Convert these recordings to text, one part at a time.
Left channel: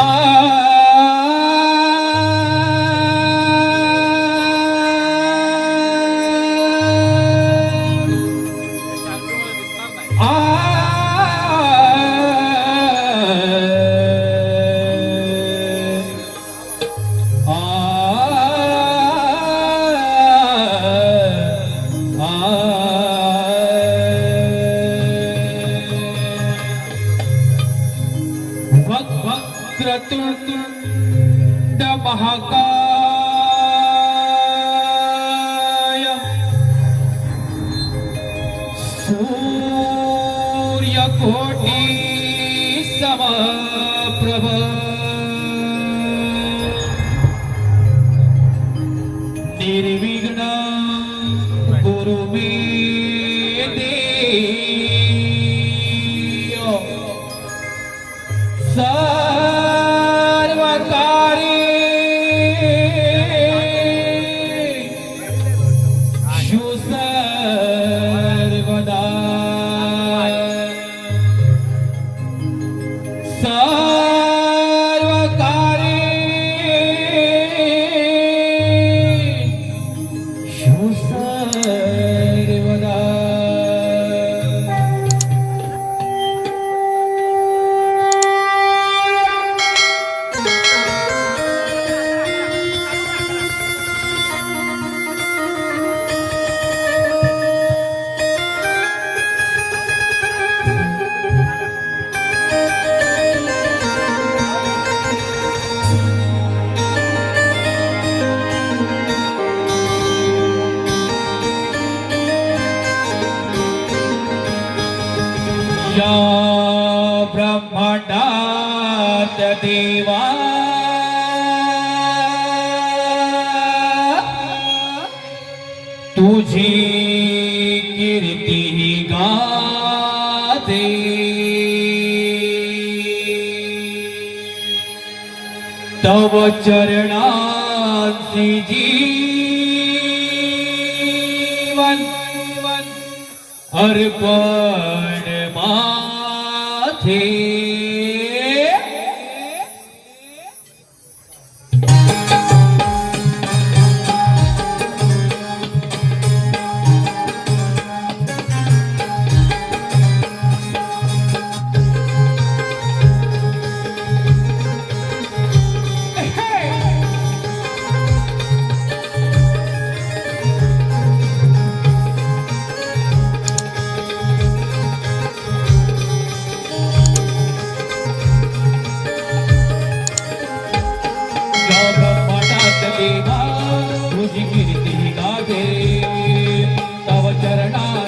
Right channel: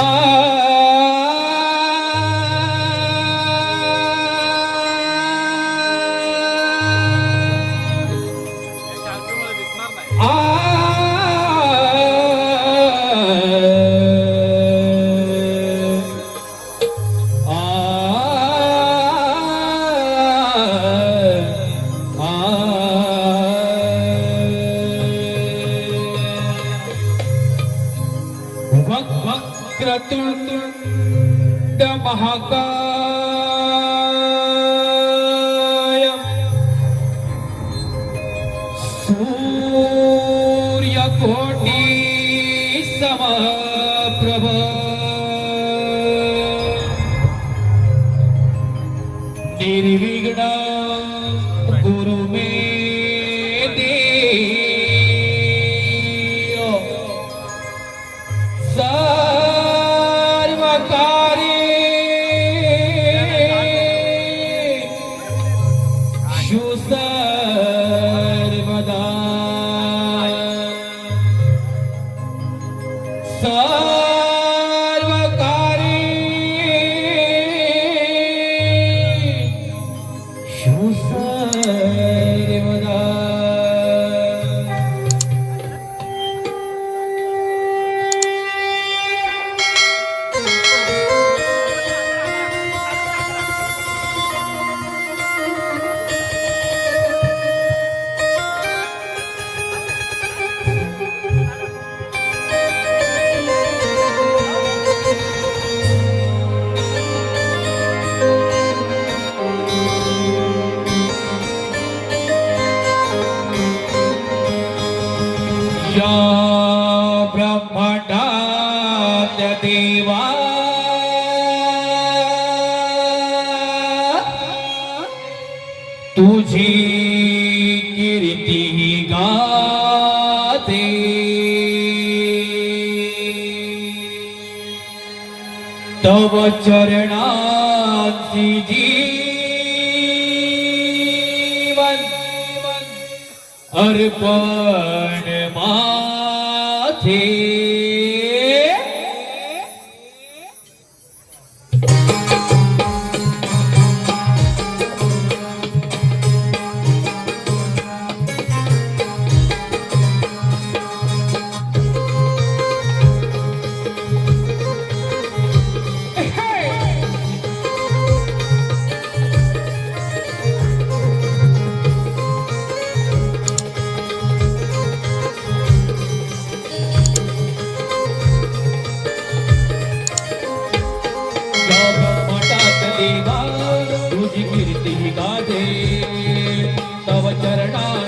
Oh. निर्विघ्न गुरु मे ब्रह्मण्डात् देवा। तुझी તવ ચરણાથી જીવન અર્પણ માથી ಚರಣಾ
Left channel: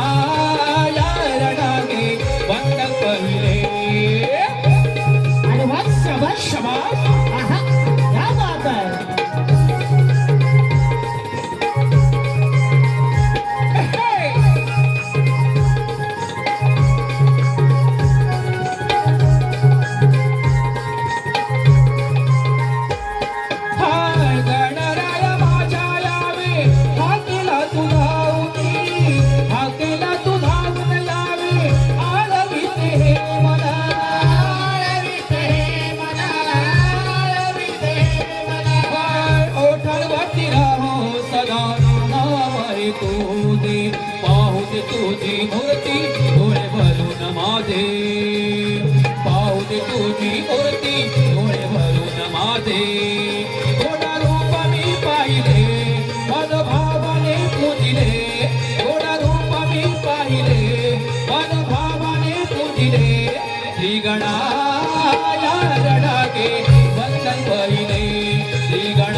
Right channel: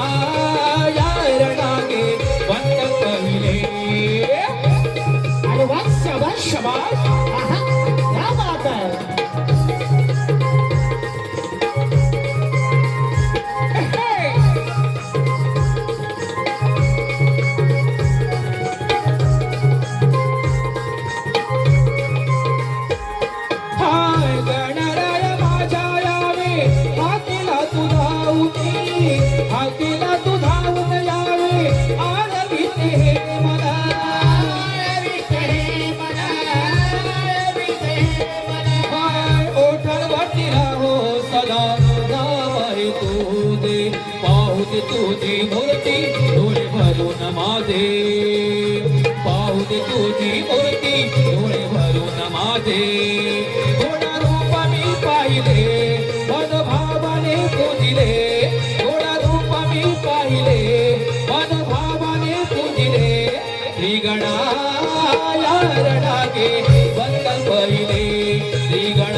ಶ್ರೀಗಣ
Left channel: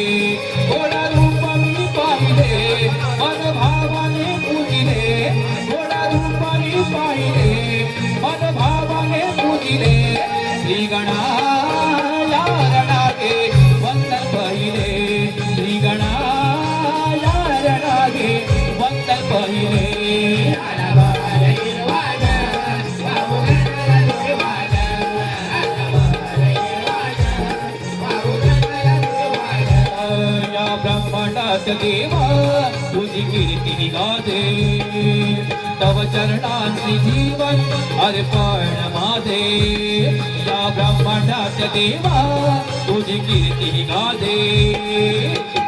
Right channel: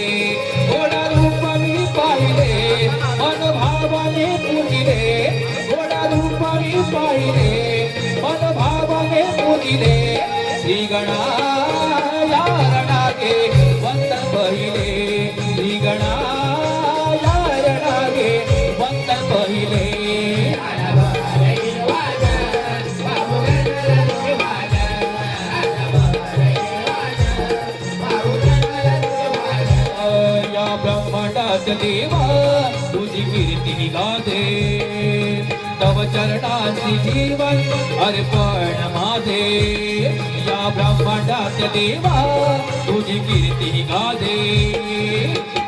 देवा तुझी कीर्ती निघाते तव चरणाची जीवन अर्पण माझे ब्रह्मांडात देवा तुझी कीर्ती निघाते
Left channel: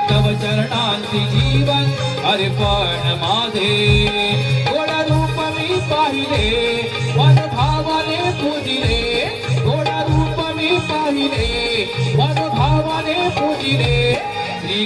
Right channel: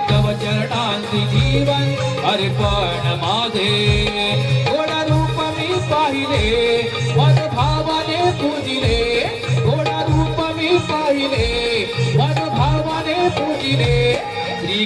तव चरणांची जीवन अर्पण माझे गोड रूप मी पाहिले मन भावाने पूजिले. गोड रूप मी पाहिले मन भावाने पूजिले श्री